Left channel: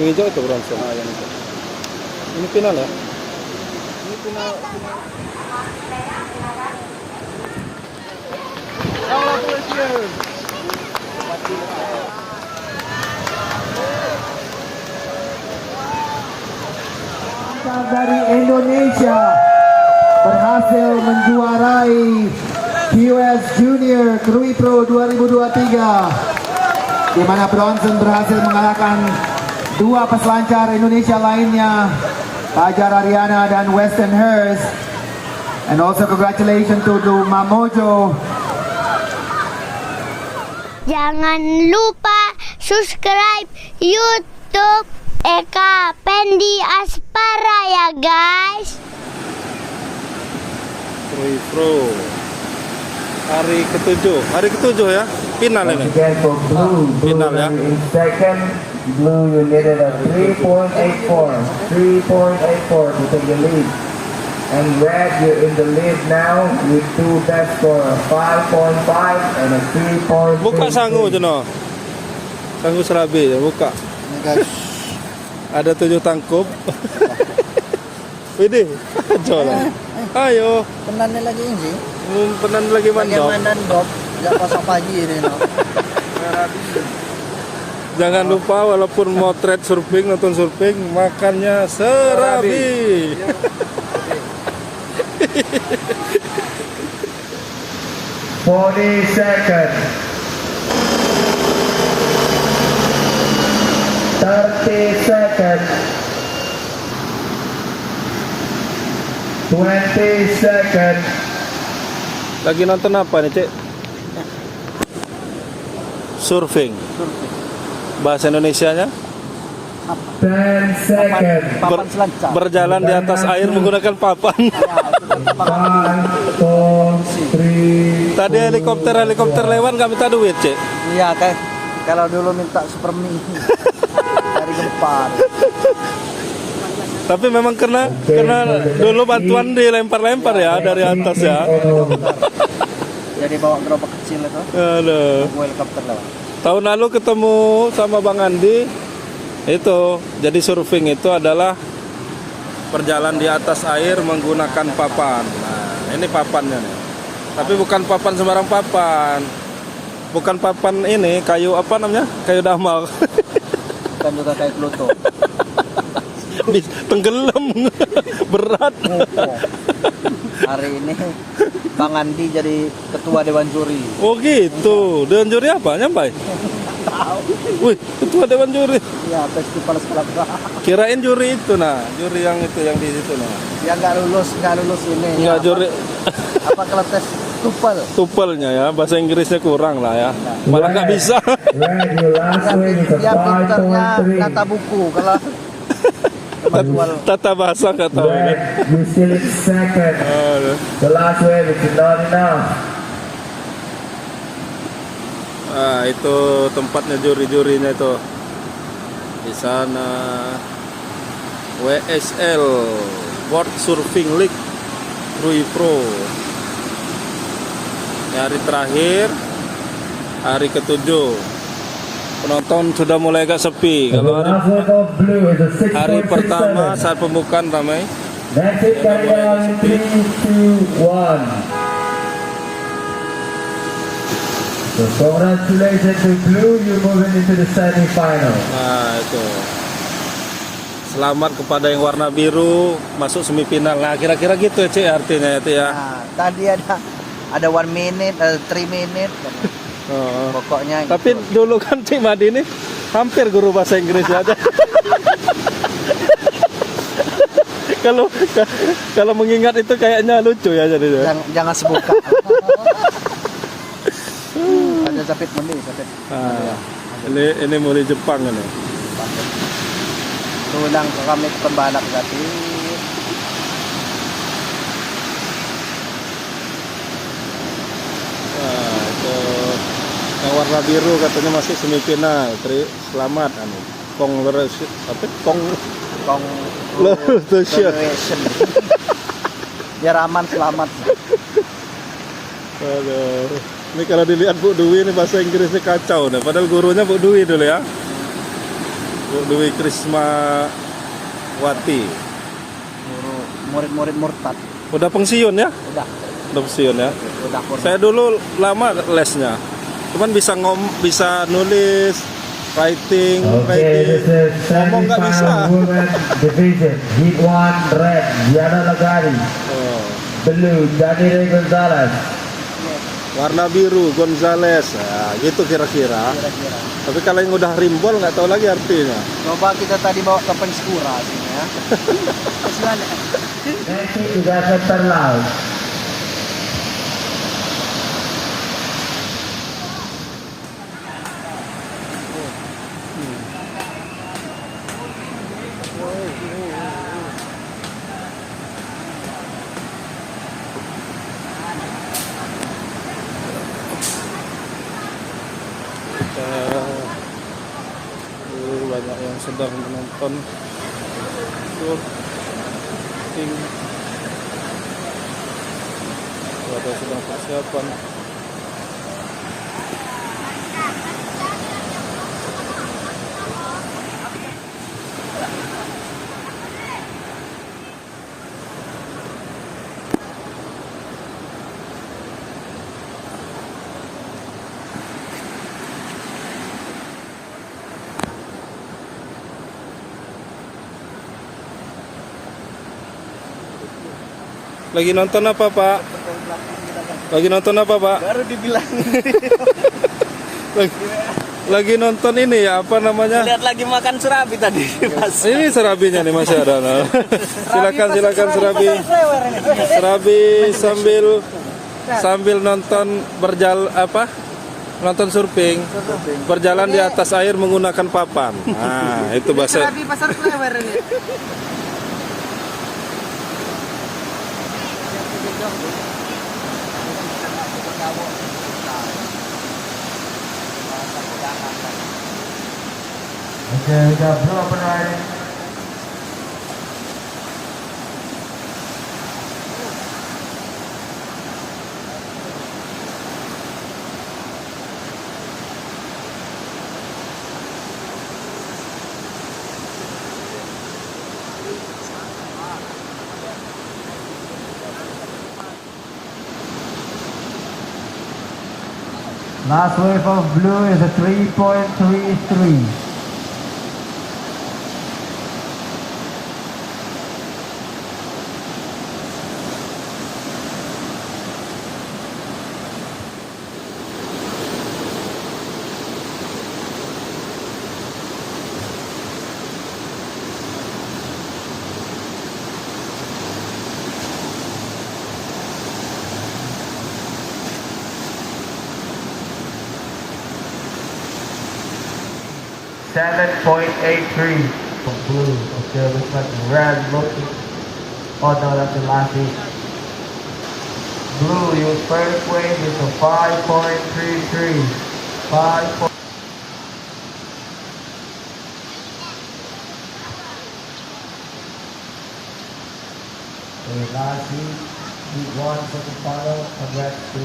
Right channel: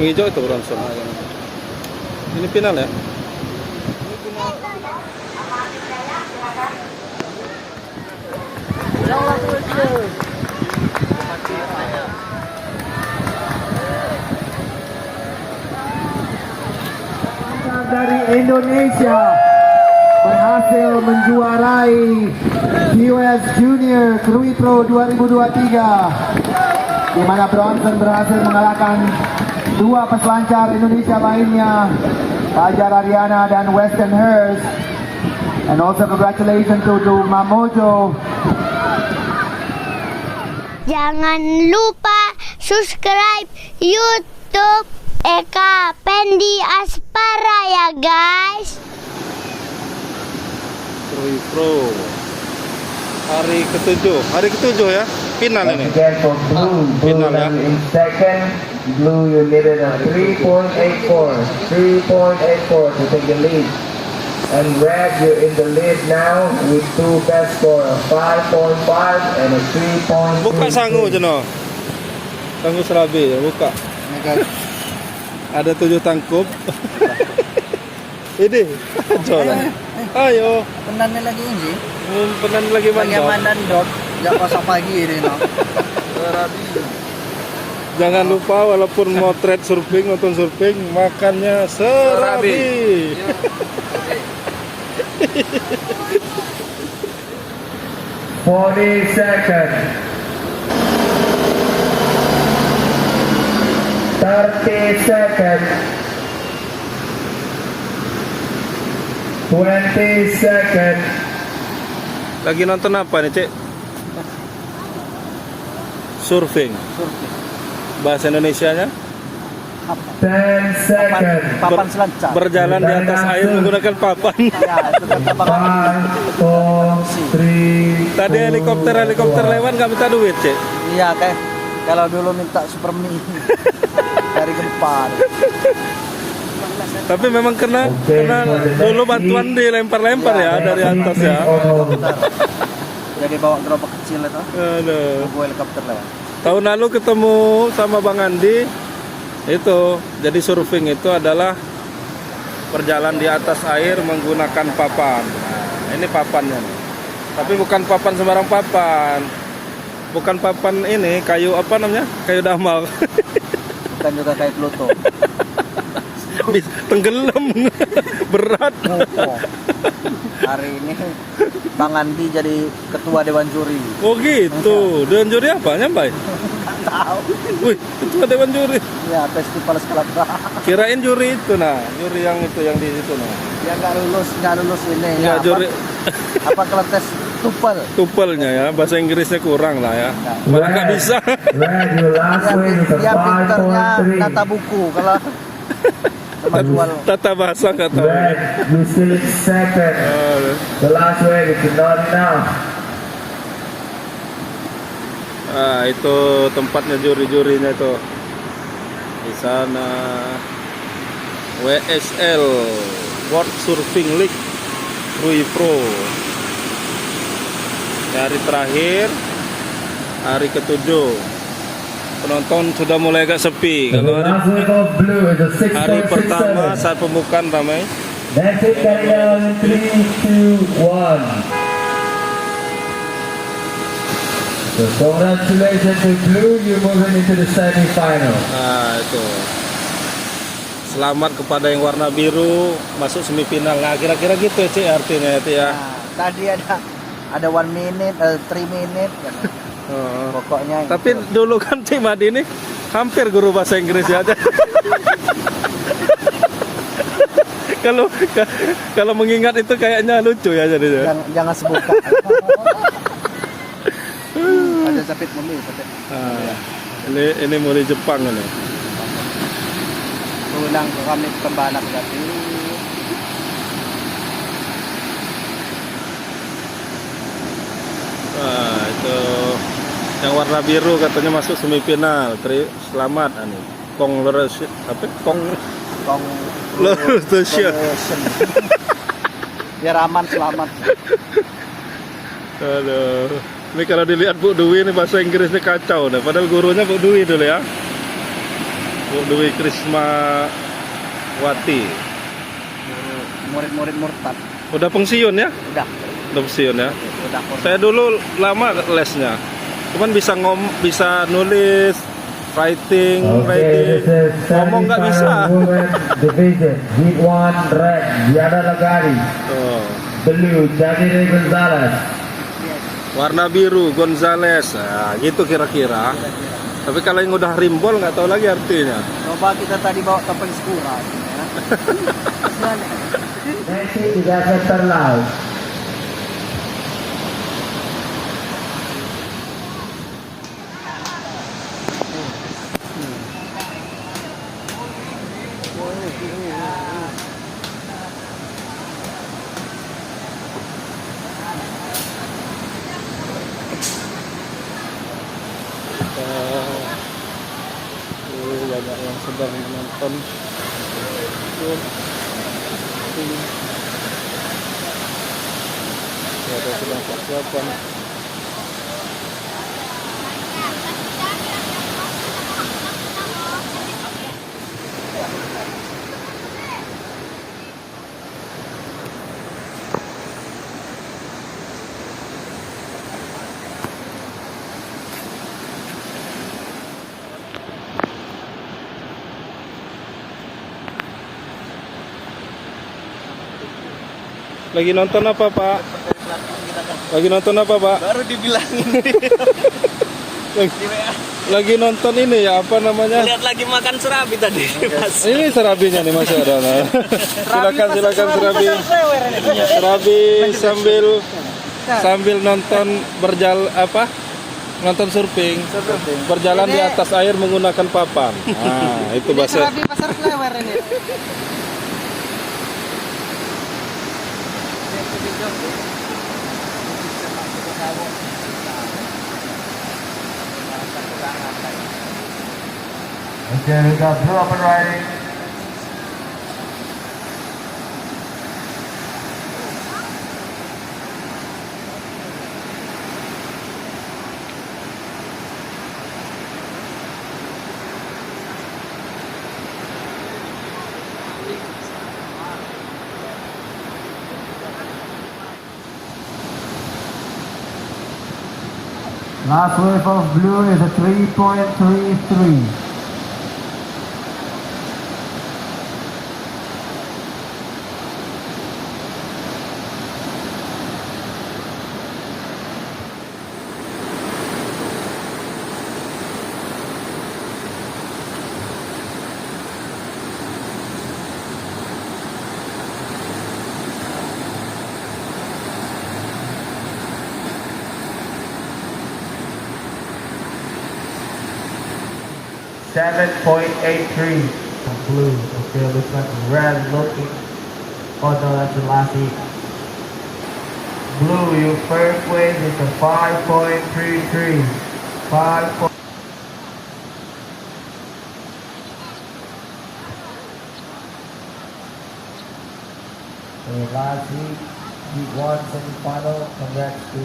Yang hijau itu Bronson. Ini final ya? Ini final. Dari Indonesia berhasil menjuarai QS Junior Krui Pro 2023, di mana Bronson berhasil mengalahkan dua peselancar Indonesia lainnya, Fajar Ariana dan Weston Hurst. And also congratulations to Mamojo. Jangan lupa subscribe YouTube Eka Pendi Aspara ya guys. Krui Pro. Hari ketujuh ya. Final ini. Again for blue, final ya. in second, blue you needed a 3.84 to take the lead. And red you're in the lead now with two best score, 5.5 and a 3.3. Buka sangu Jono. Sangu serabi ya, buka. Ini guys. Ada 7 tangkup. Ini, coba. Ayo. Penannya lagi ini. Penan lagi mandok. Bagaimana dok? Gak pasang pagi ini no. Jangan lupa walaupun mau trade surfing, nonton surfing, makannya serabi. 40 seconds. 30 seconds. 20 seconds. Lagi nonton apa nih, Cek? Surfing. Surfing. Bahasa Indonesianya? 10 seconds. Papan selancar. Berjalan di atas air menggunakan papan. Ya, itu kan papan. 5, 4, 3. Tadi helikopter lewat nggak minta duit, Cek? Iya kan. Kalau dulu minta super mie dari Gempar. Tapi memang kena dulu bantuan dilempar-lempar ya dari atas ya. Jadi bawa gerobak kecil itu. Aduh. Bawa helikopter lewat. Tahun lalu ketemu sama Bang Andi itu, jadi surfing itu adalah berjalan di atas air menggunakan papan. Nah, ini papannya nih. Tapi bukan papan sembarang papan. Bukan papan ini, kayu apa namanya? Kayu damal. Bukan juga kayak Pluto. Tenggelam. Berat. Oh. Hari ini Bang Andi jadi ketua Dewan Juri. Oh gitu. Dewan juri apa? Nyampai? Nggak tahu. Wih, ketua Dewan juri. Ya, festival sekolah. Kirain juri itu nah, juri yang itu yang di situ nah. Ya nggak lulus ini. Ya, apa? juri Apa kalau tes tupel? tupelnya ya, bahasa Inggrisnya kurang lah ya. Malah nggak bisa. Red, your last win is a Dia pinternya 5.3. kata buku kalau Tata bahasa kata. Red, you still in second. Aduh. The last win is not enough. Ah, itu tempatnya juri-jurinya itu. Di sana WSL World Surfing League Krui Pro. Hari terakhir, hari ketujuh. Penonton sudah mulai agak sepi. And the Kalau last wave of blue is a hari pertama 6.67. saat pembukaan ramai. That's it, carry on 3, 2, 1. So congratulations to blue, you're moving into the semi-final. Nah itu. Selamat kepada yang warna biru masuk semifinal. Nah kira-kira gitu ya Cik artinya itu ya. Tadi ada 1 minute, 3 minute. Oh. Pokoknya. Tapi gitu. dulu kan Cik Madi ini hampir guru bahasa Inggris ya. Kalau mengingat itu kayaknya lucu ya jadinya. Jangan sebuka. Ada sakit mandi, sakit. Nah, ini mulai Jepang ini. Tulang kami pembalap tapi Nah, itu yang warna biru katanya masuk semifinal. Selamat anu. Congratulations. Biar aman selamat. Aduh. Ini kalau dilihat Bu Dwi ini bahasa Inggrisnya kacau nih. Padahal gurunya Bu Dwi dulu ya. Bu Dewi Krisma Wati. Murid-murid murtad. Udah pensiun ya? Udah. Udah pensiun ya? Udah. Saya dulu lama lesnya. Cuman bisa nulis, writing. Ngomong nggak bisa. Division, Heat 1 red, Diana Lagari. Oh. Blue, Danire Gonzalez. Warna biru Gonzales. Nah, gitu kira-kira. Tapi kalau yang udah rimbol nggak tahu lagi artinya. Coba kita tadi bawa ke penskura. Nanti juga center laut. Banyak yang sedang menonton surfing. Ada sedang persiapan. Lagi nonton apa, Pak? Lagi nonton apa, Pak? Baru dibilangin. Lagi nonton ini ya, apa namanya? Lihat lagi makan serabi tadi. Ini serabinya nih masih ada. Nah. Silakan serabi. Serabi sambil nonton nonton surfing. Berjalan di atas air menggunakan papan. Nah, itu bahasa. Okay, we got blue up and riding. Last wave of blue is a 3.33. .83 blue. Okay, look at red looking other lasi. Blue, your first wave is a 5.33. 5. Lasi, heat 1 semi-final. Congrats to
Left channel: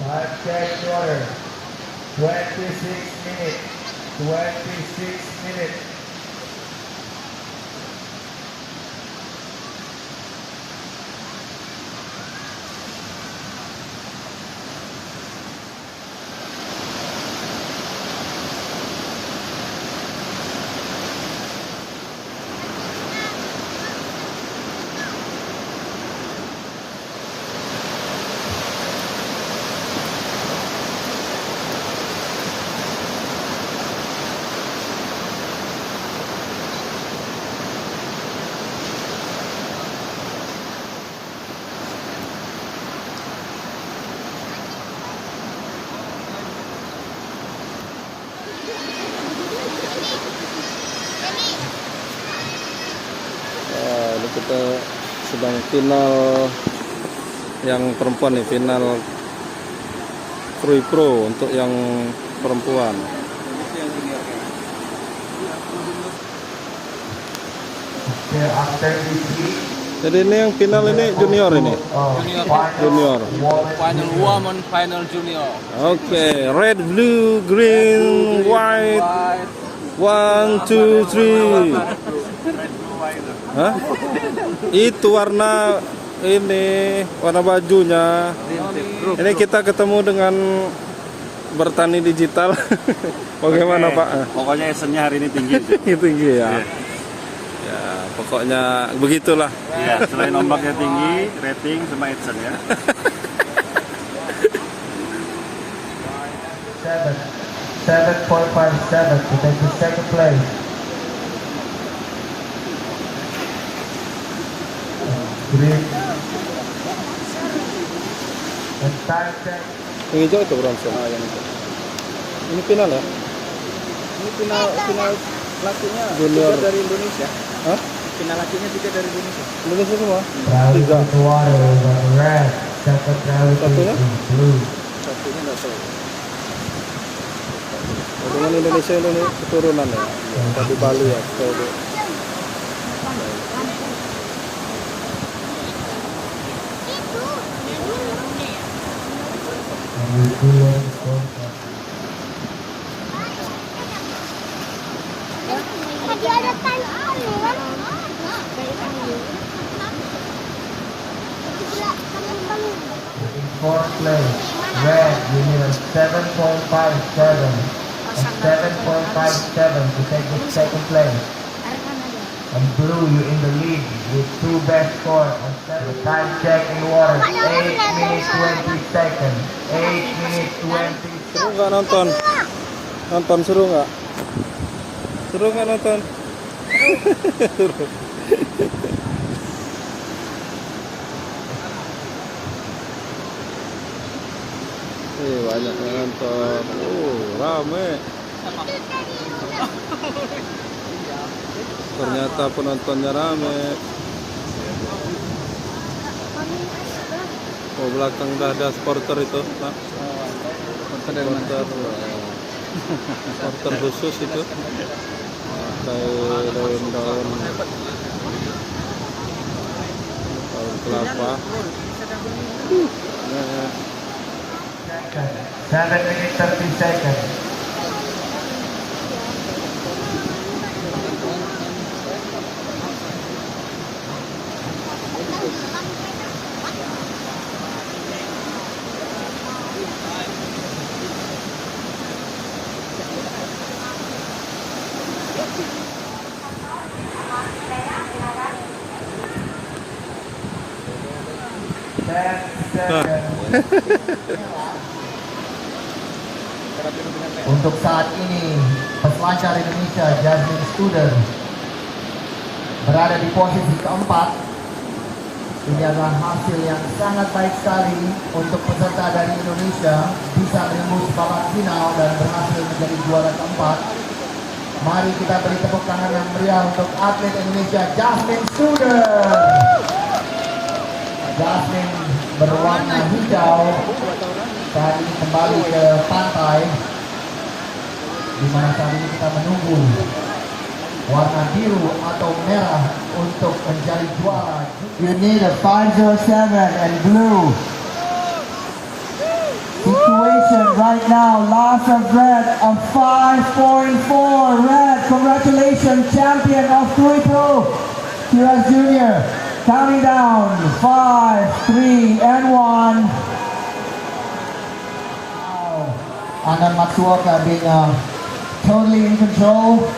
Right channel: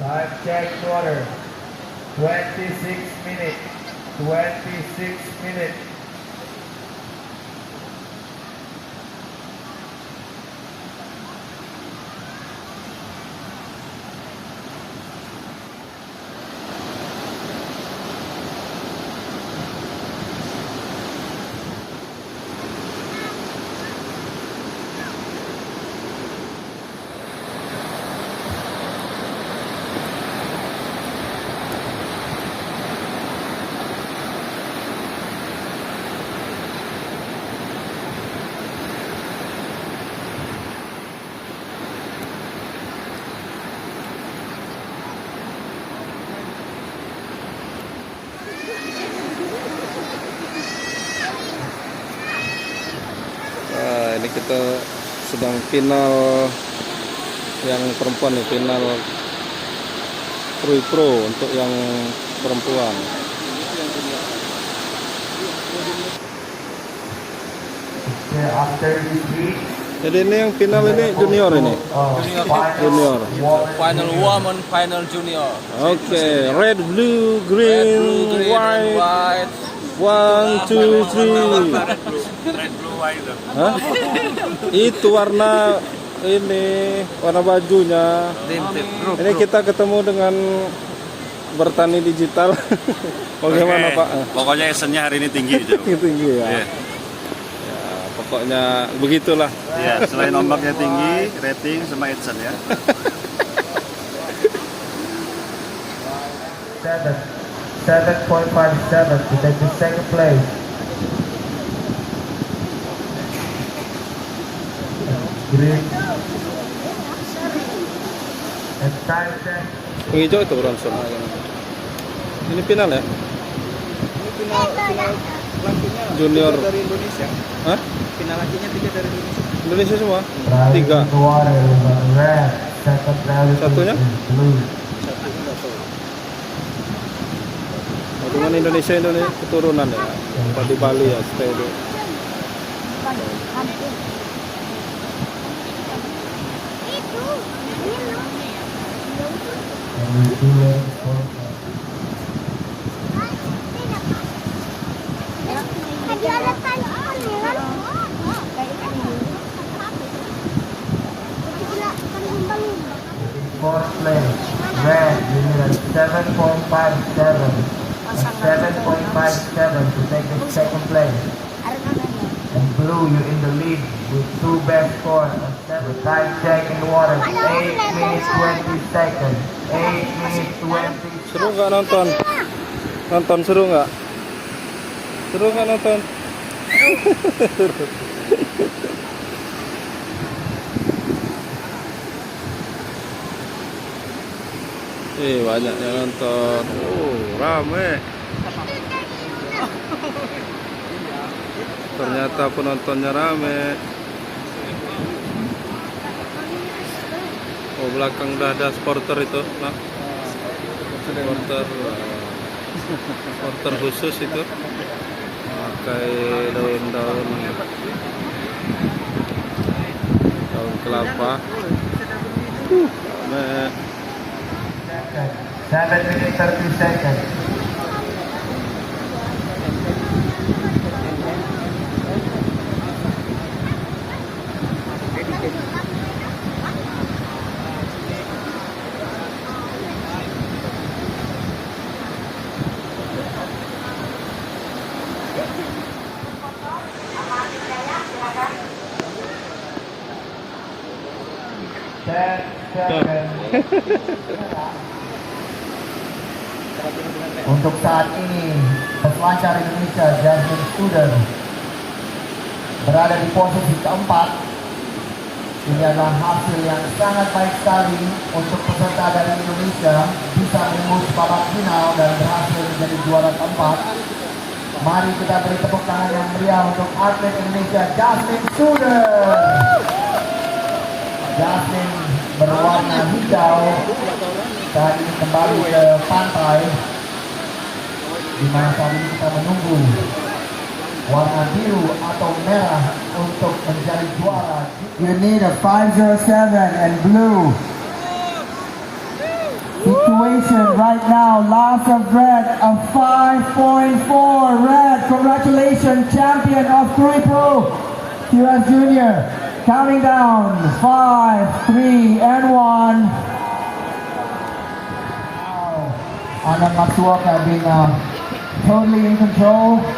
time check water. 26 minutes. 26 minutes. Ini kita sedang final yang perempuan nih, final Krui Pro untuk yang perempuan. Jadi ini yang final ini junior ini. Junior. Final woman, final junior. Oke, red, blue, green, white. 1, 2, 3. Hah? Itu warna ini, warna bajunya. Ini kita ketemu dengan bertani digital. Bagaimana Oke. Pak? Pokoknya actionnya hari ini tinggi. Jo. Tinggi ya. Iya. Ya, pokoknya begitulah. Iya, selain ombaknya tinggi, rating sama action ya. 7.57 to take the second place. Green. And time check. Yang hijau itu Bronson. Ini final ya? Ini final lakinya Junior. dari Indonesia. Hah? Final lakinya juga dari Indonesia. Indonesia semua? Diving 3. in water, red. Second now is Satunya? blue. Satunya nggak tahu. Dengan Indonesia keturunan ya. Apa di Bali ya? Kayak itu. And we do it for Tadi ada tangan kan? fourth place. Red, you need a 7.57. A 7.57 to take the second place. And blue, you're in the lead with 2 best scores. The time check in water, 8 minutes 20 seconds. 8 minutes 20 Seru nggak nonton? Nonton seru nggak? Seru nggak nonton? Seru. Banyak yang nonton. Rame. Ternyata penontonnya rame. Belakang udah ada supporter itu, nak. Supporter khusus itu. Pakai daun kelapa. Rame. 7 minutes 30 seconds. Untuk saat ini peselancar Indonesia Jasmine Studer berada di posisi keempat. Ini adalah hasil yang sangat baik sekali untuk peserta dari Indonesia bisa menembus babak final dan berhasil menjadi juara keempat. Mari kita beri tepuk tangan yang meriah untuk atlet Indonesia Jasmine Studer. Jasmine berwarna hijau dan kembali ke pantai, di mana saat ini kita menunggu warna biru atau merah untuk menjadi juara. You need a 507 and blue. Situation right now, loss of red, a 5.4 red. Congratulations, champion of 3-2, US Junior. Counting down, 5, 3, and 1. Anand Matsuoka being totally in control.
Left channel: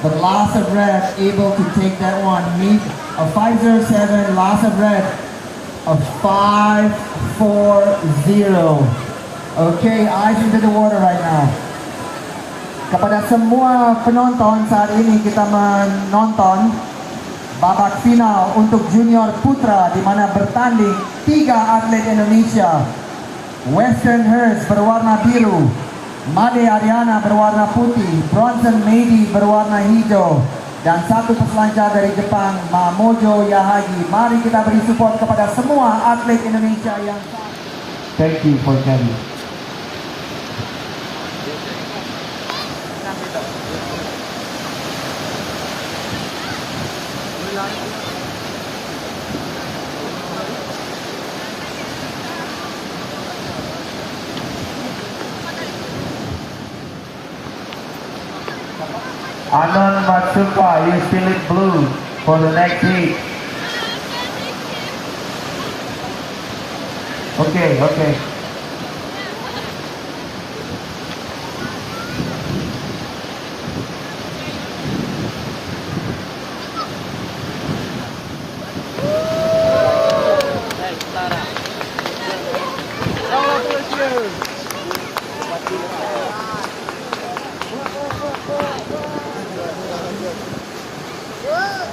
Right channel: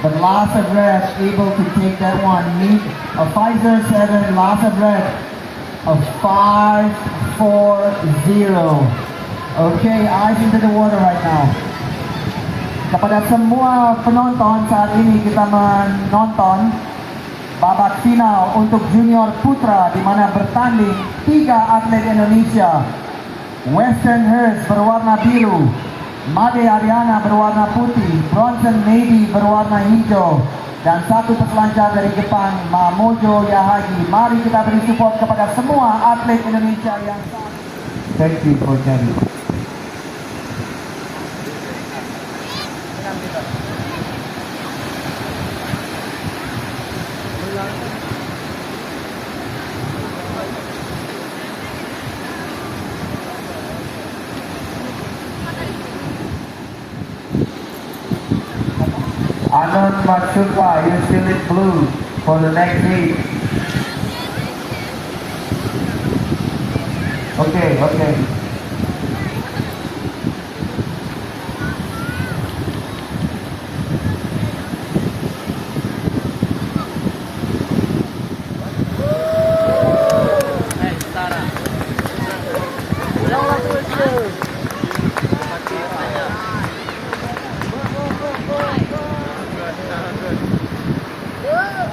The loss of red able to take that one. Meet a 507, loss of red of 540. Okay, eyes into the water right now. Kepada semua penonton, saat ini kita menonton babak final untuk junior putra di mana bertanding 3 atlet Indonesia. Western Hurst berwarna biru, Made Ariana berwarna putih, Bronson Navy berwarna hijau, dan 1 peselancar dari Jepang, Mamojo Yahagi. Mari kita beri support kepada semua atlet Indonesia yang. Thank you for coming. Anon Matsuka, you still in blue for the next heat. Okay.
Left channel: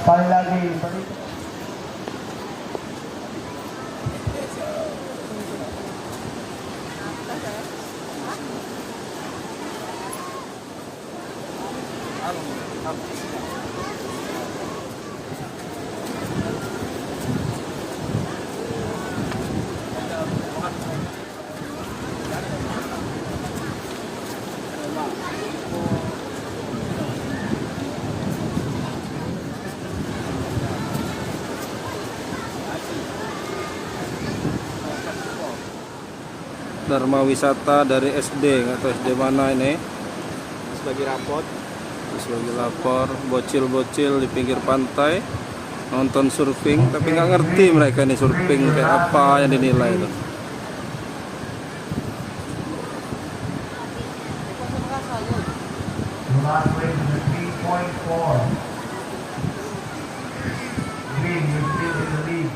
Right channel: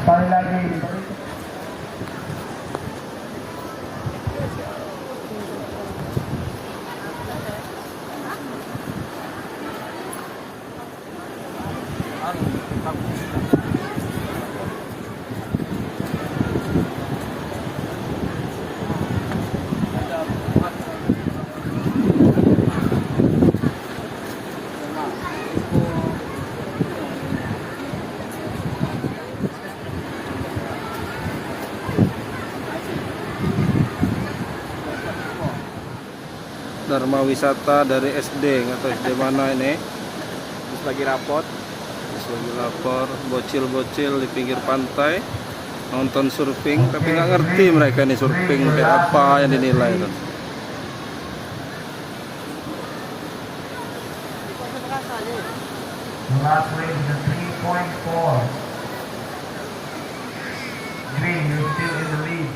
Paling lagi. Dharma Wisata dari SD, nggak tahu SD mana ini. Terus bagi rapot. Terus lagi lapor, bocil-bocil di pinggir pantai nonton surfing, tapi nggak ngerti mereka ini surfing kayak apa yang dinilai itu. Last range is 3.4. Green, you're still in the lead.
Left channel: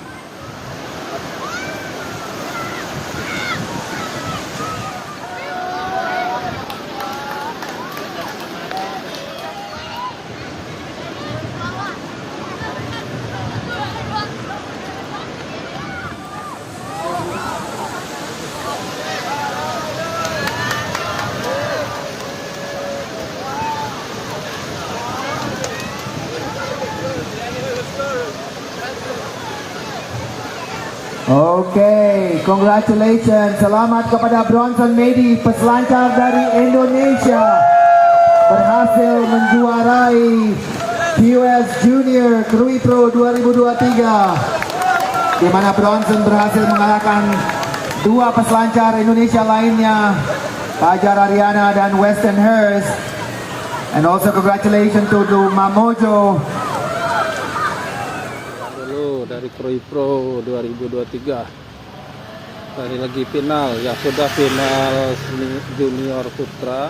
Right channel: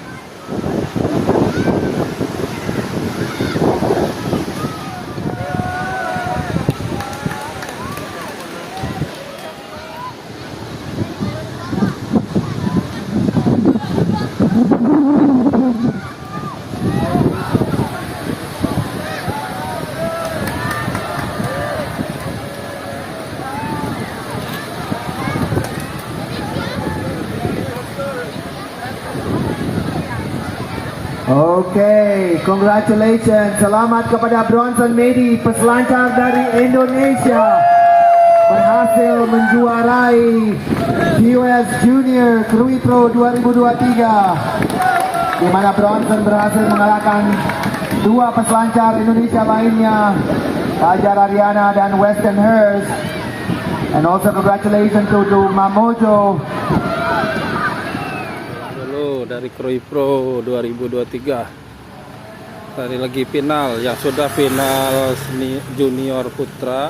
Okay, congratulations. Selamat kepada Bronson Medi, peselancar dari Indonesia. Berhasil menjuarai QS Junior Krui Pro 2023. Di mana Bronson berhasil mengalahkan dua peselancar Indonesia lainnya, Fajar Ariana dan Weston Hurst. And also congratulations to Mamojo. Dulu dari Krui Pro 2023. Tadi lagi final, yang sudah final junior putra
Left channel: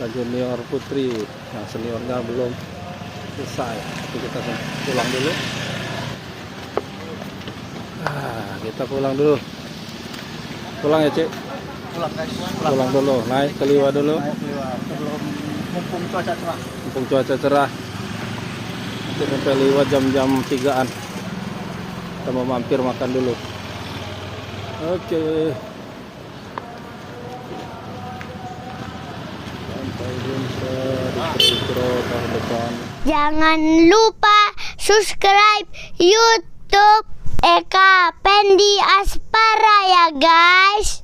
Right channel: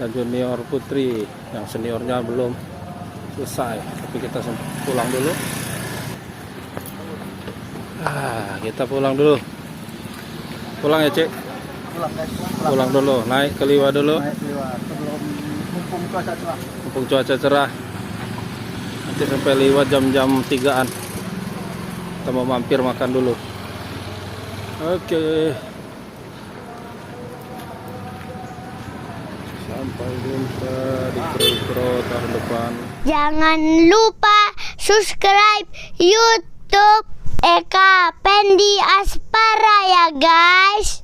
dan junior putri. Yang seniornya belum selesai. Tapi kita pulang dulu. Kita pulang dulu. Pulang ya, Cik? Pulang guys. Pulang dulu, naik ke Liwa dulu. Naik lewat sebelum mumpung cuaca cerah. Mumpung cuaca cerah. Nanti sampai Liwa jam-jam 3-an. Kita mau mampir makan dulu. Oke. Sampai jumpa di Krui Pro tahun depan. Jangan lupa subscribe YouTube Eka Pendi Aspara ya guys.